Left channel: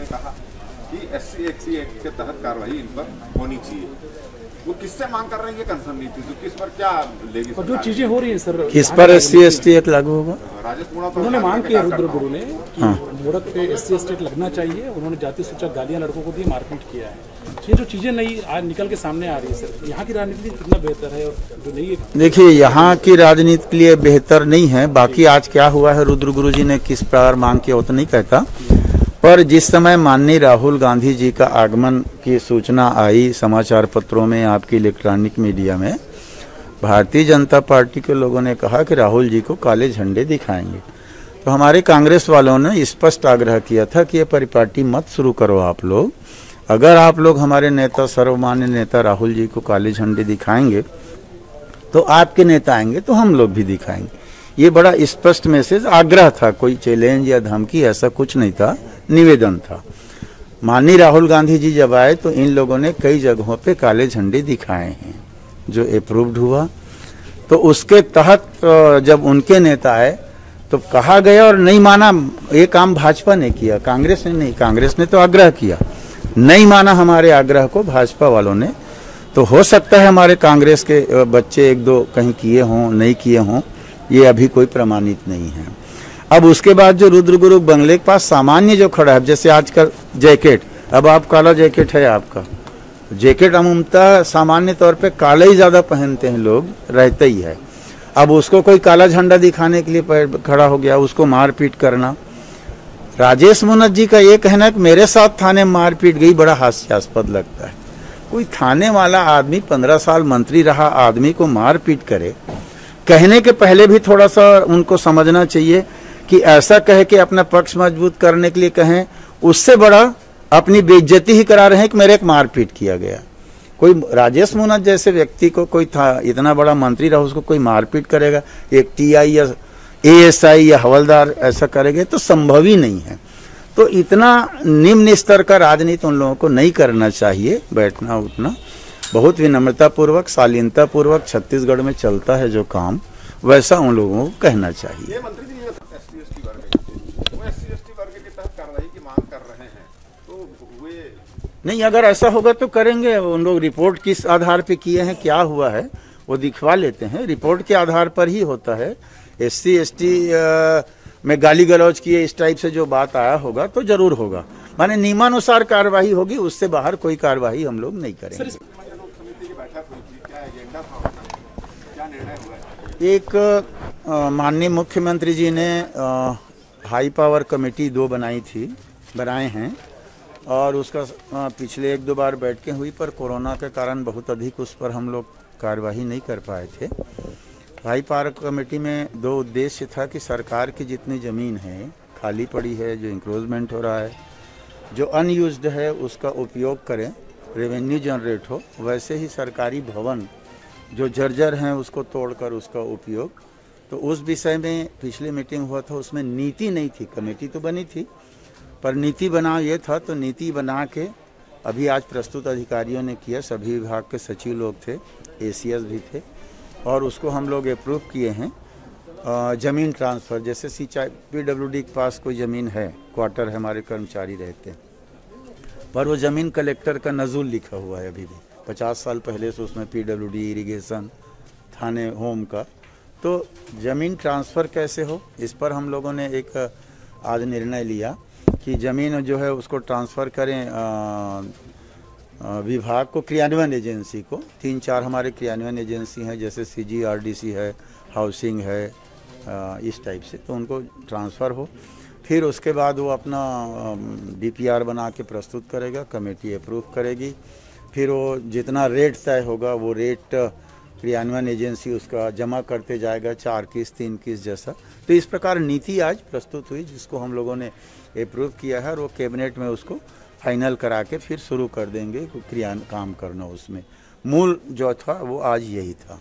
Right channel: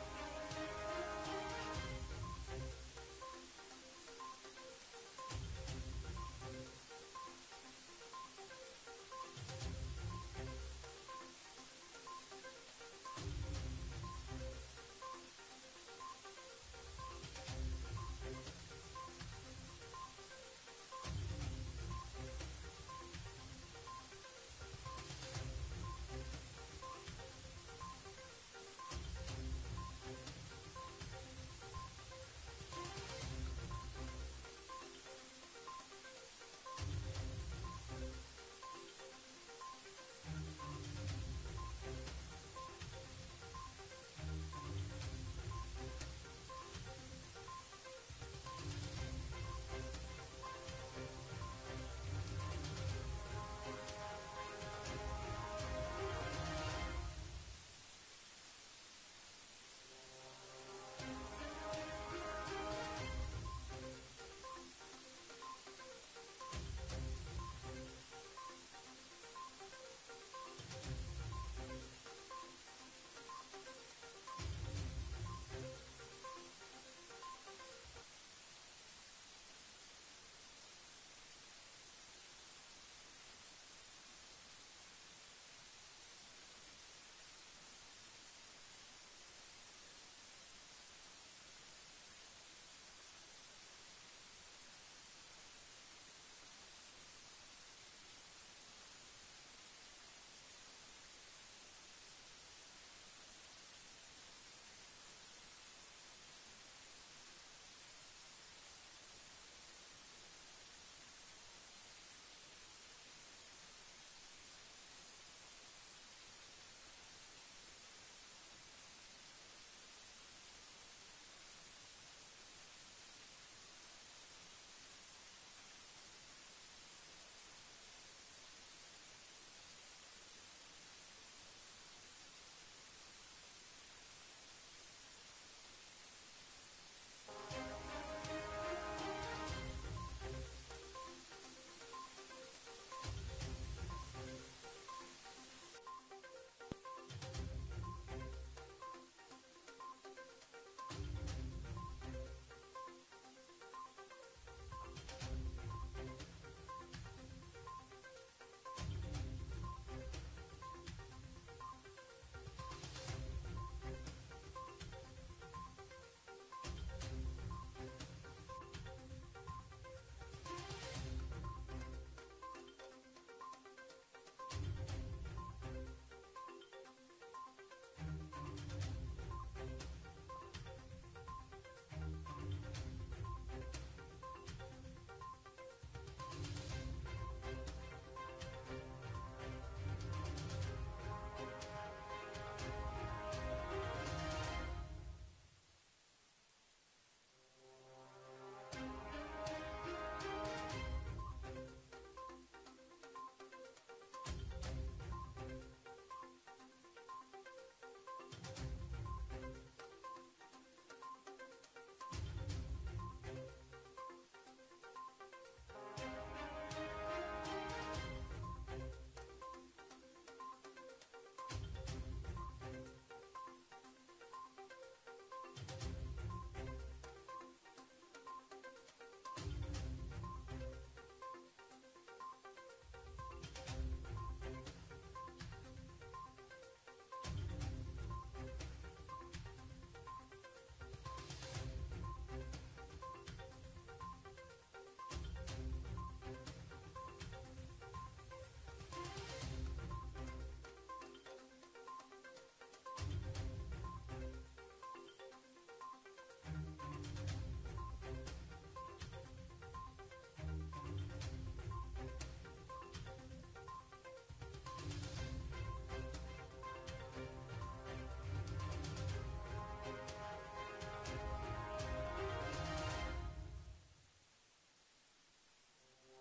ने कहा कि SC एक्ट के तहत कार्रवाई इन पर होनी चाहिए, वो किससे मांग कर रहे हैं ये कंफर्म नहीं थी, तो किस पर क्या लेगी और जो चीजें हो रही है सर, किस पर SC एक्ट लागू होगा? राजेश मूणत उन्होंने मांग की रुद्र गुरु ने कि मूणत पे SC एक्ट लगना चाहिए। उन्होंने जाति सूचक गालियां लड़कों को दी, मारपीट किया है। ये जो चीजें नई आज निकल के सामने आ रही है सर, यहाँ की राजनीति कितना बेहतर है और जो नहीं है। देखिए, यहाँ की राजनीति के लिए बेहतर नहीं है। बाकी आज क्या हुआ है, रुद्र गुरु जी ने किस प्रकार मांग किया वो तो नहीं कहता, पर जिस समय माननीय राहुल गांधी जी का आगमन की सूचना आई समाचार पत्रों में, आपकी इलेक्ट्रॉनिक मीडिया में, भारतीय जनता पार्टी के लोगों ने कहा कि राहुल जी को काले झंडे दिखाएंगे। तो हमारे कांग्रेस वालों ने स्पष्ट आग्रह किया था कि ये परिपाटी मत शुरू करो आप लोग। अगर आप लोग हमारे नेता, सर्वमान्य नेता राहुल जी को काले झंडे दिखाएंगे तो आपके नेता आएंगे तो हम लोग भी दिखाएंगे। ये बड़ा स्पष्ट मैसेज, आग्रह था, कोई चैलेंज या धमकी ऐसा कुछ नहीं था, निवेदन था। माननीय राहुल गांधी जी जब आए तो इन लोगों ने कई जगहों पे काले झंडे दिखाए हैं जो अप्रूव्ड हुआ। तो उसके तहत जब उनके नेता आए तो कहा गया और नहीं माना। ये काम भाजपा ने किया, कांग्रेस ने नहीं। कांग्रेस ने तो आग्रह किया, नहीं माना हमारे आग्रह को भाजपा वालों ने। तो हो सकता है हमारे कांग्रेस के बच्चे एक दो कहीं किए हों, नहीं किए हों, ये अभी कोई प्रमाणित नहीं है। अब उसके बाद जो रुद्र गुरु बंगले के पास सामान्य जो खड़ा है, जैसे आजकल जैकेट, अब आप काला जैकेट है आपका, जैकेट अमूमतः सामान्य तौर पे काला ही ज्यादा पहनते हैं लोग, रहते ही है। अब उसको कोई काला झंडा दिखाने के लिए खड़ा हो गया, उसको मारपीट करना। राजेश मूणत जी का ये कहना है कि मेरे साथ थाने में मारपीट गई, बड़ा हास्यास्पद लगता है। कोई थाने वाला आदमी, 15 साल मंत्री रहा आदमी को मारपीट करे, कहने के पहले भी थोड़ा सा उनको समझना चाहिए कि ऐसा कहे कि अपना पक्ष मजबूत करने के लिए कहें, उससे बड़ा अपनी बेइज्जती ही करा रहे हैं कि मेरे एक मारपीट किया गया। कोई राजेश मूणत जैसे व्यक्ति को, कोई था इतना बड़ा मंत्री रहा, उसको कोई मारपीट करेगा, एक TI या ASI या हवलदार ऐसा करेंगे तो संभव ही नहीं है। तो इतना निम्न स्तर का राजनीति उन लोगों को नहीं करना चाहिए। बैठना उठना बहुत विनम्रता पूर्वक, शालीनता पूर्वक, छत्तीसगढ़ में चलता है जो काम, वैसा उन लोगों को कहना चाहिए। नहीं, अगर ऐसा होगा तो करेंगे। उन लोग रिपोर्ट किस आधार पे किए हैं, क्या हुआ है, वो दिखवा लेते हैं। रिपोर्ट के आधार पर ही होता है। SC ST में गाली गलौज किए, इस टाइप से जो बात आया होगा तो जरूर होगा, माने नियमानुसार कार्रवाई होगी, उससे बाहर कोई कार्रवाई हम लोग नहीं करेंगे। एक माननीय मुख्यमंत्री जी ने हाई पावर कमेटी 2 बनाए हैं और उसका पिछले 1-2 बार बैठकें हुई, पर कोरोना के कारण बहुत अधिक उस पर हम लोग कार्यवाही नहीं कर पाए थे। हाई पावर कमेटी में 2 उद्देश्य था कि सरकार की जितनी ज़मीन है खाली पड़ी है, जो इंक्रोचमेंट हो रहा है, जो अनयूज्ड है, उसका उपयोग करें, रेवेन्यू जनरेट हो। वैसे ही सरकारी भवन जो जर्जर हैं उसको तोड़कर उसका उपयोग। तो उस विषय में पिछली मीटिंग हुआ था, उसमें नीति नहीं थी। कमेटी तो बनी थी पर नीति बना ये था, तो नीति बना के अभी आज प्रस्तुत अधिकारियों ने किया, सभी विभाग के सचिव लोग थे, ACS भी थे, और उसको हम लोग अप्रूव किए हैं। ज़मीन ट्रांसफ़र, जैसे सिंचाई PWD के पास कोई ज़मीन है, क्वार्टर है, हमारे कर्मचारी रहते हैं, पर वो ज़मीन कलेक्टर का नज़ुल लिखा हुआ है अभी भी, 50 साल पहले से उसमें PWD, इरिगेशन, थाने, होम का। तो ज़मीन ट्रांसफ़र कैसे हो, इस पर हम लोगों ने एक आज निर्णय लिया कि ज़मीन जो है उसको ट्रांसफ़र करें विभाग को, क्रियान्वयन एजेंसी को। 3-4 हमारे क्रियान्वयन एजेंसी हैं, जैसे CGRDC है, हाउसिंग है, इस टाइप से, तो उनको ट्रांसफ़र हो। फिर उसके बाद वो अपना DPR बना के प्रस्तुत करेगा, कमेटी अप्रूव करेगी। फिर वो जितना रेट तय होगा वो रेट क्रियान्वयन एजेंसी उसका जमा करते जाएगा, 4 किस्त 3 किस्त जैसा। तो इस प्रकार नीति आज प्रस्तुत हुई, जिसको हम लोगों ने अप्रूव किया है, और वो कैबिनेट में उसको फाइनल करा के फिर शुरू कर देंगे क्रियान्वयन काम करना। उसमें मूल जो था वो आज यही था।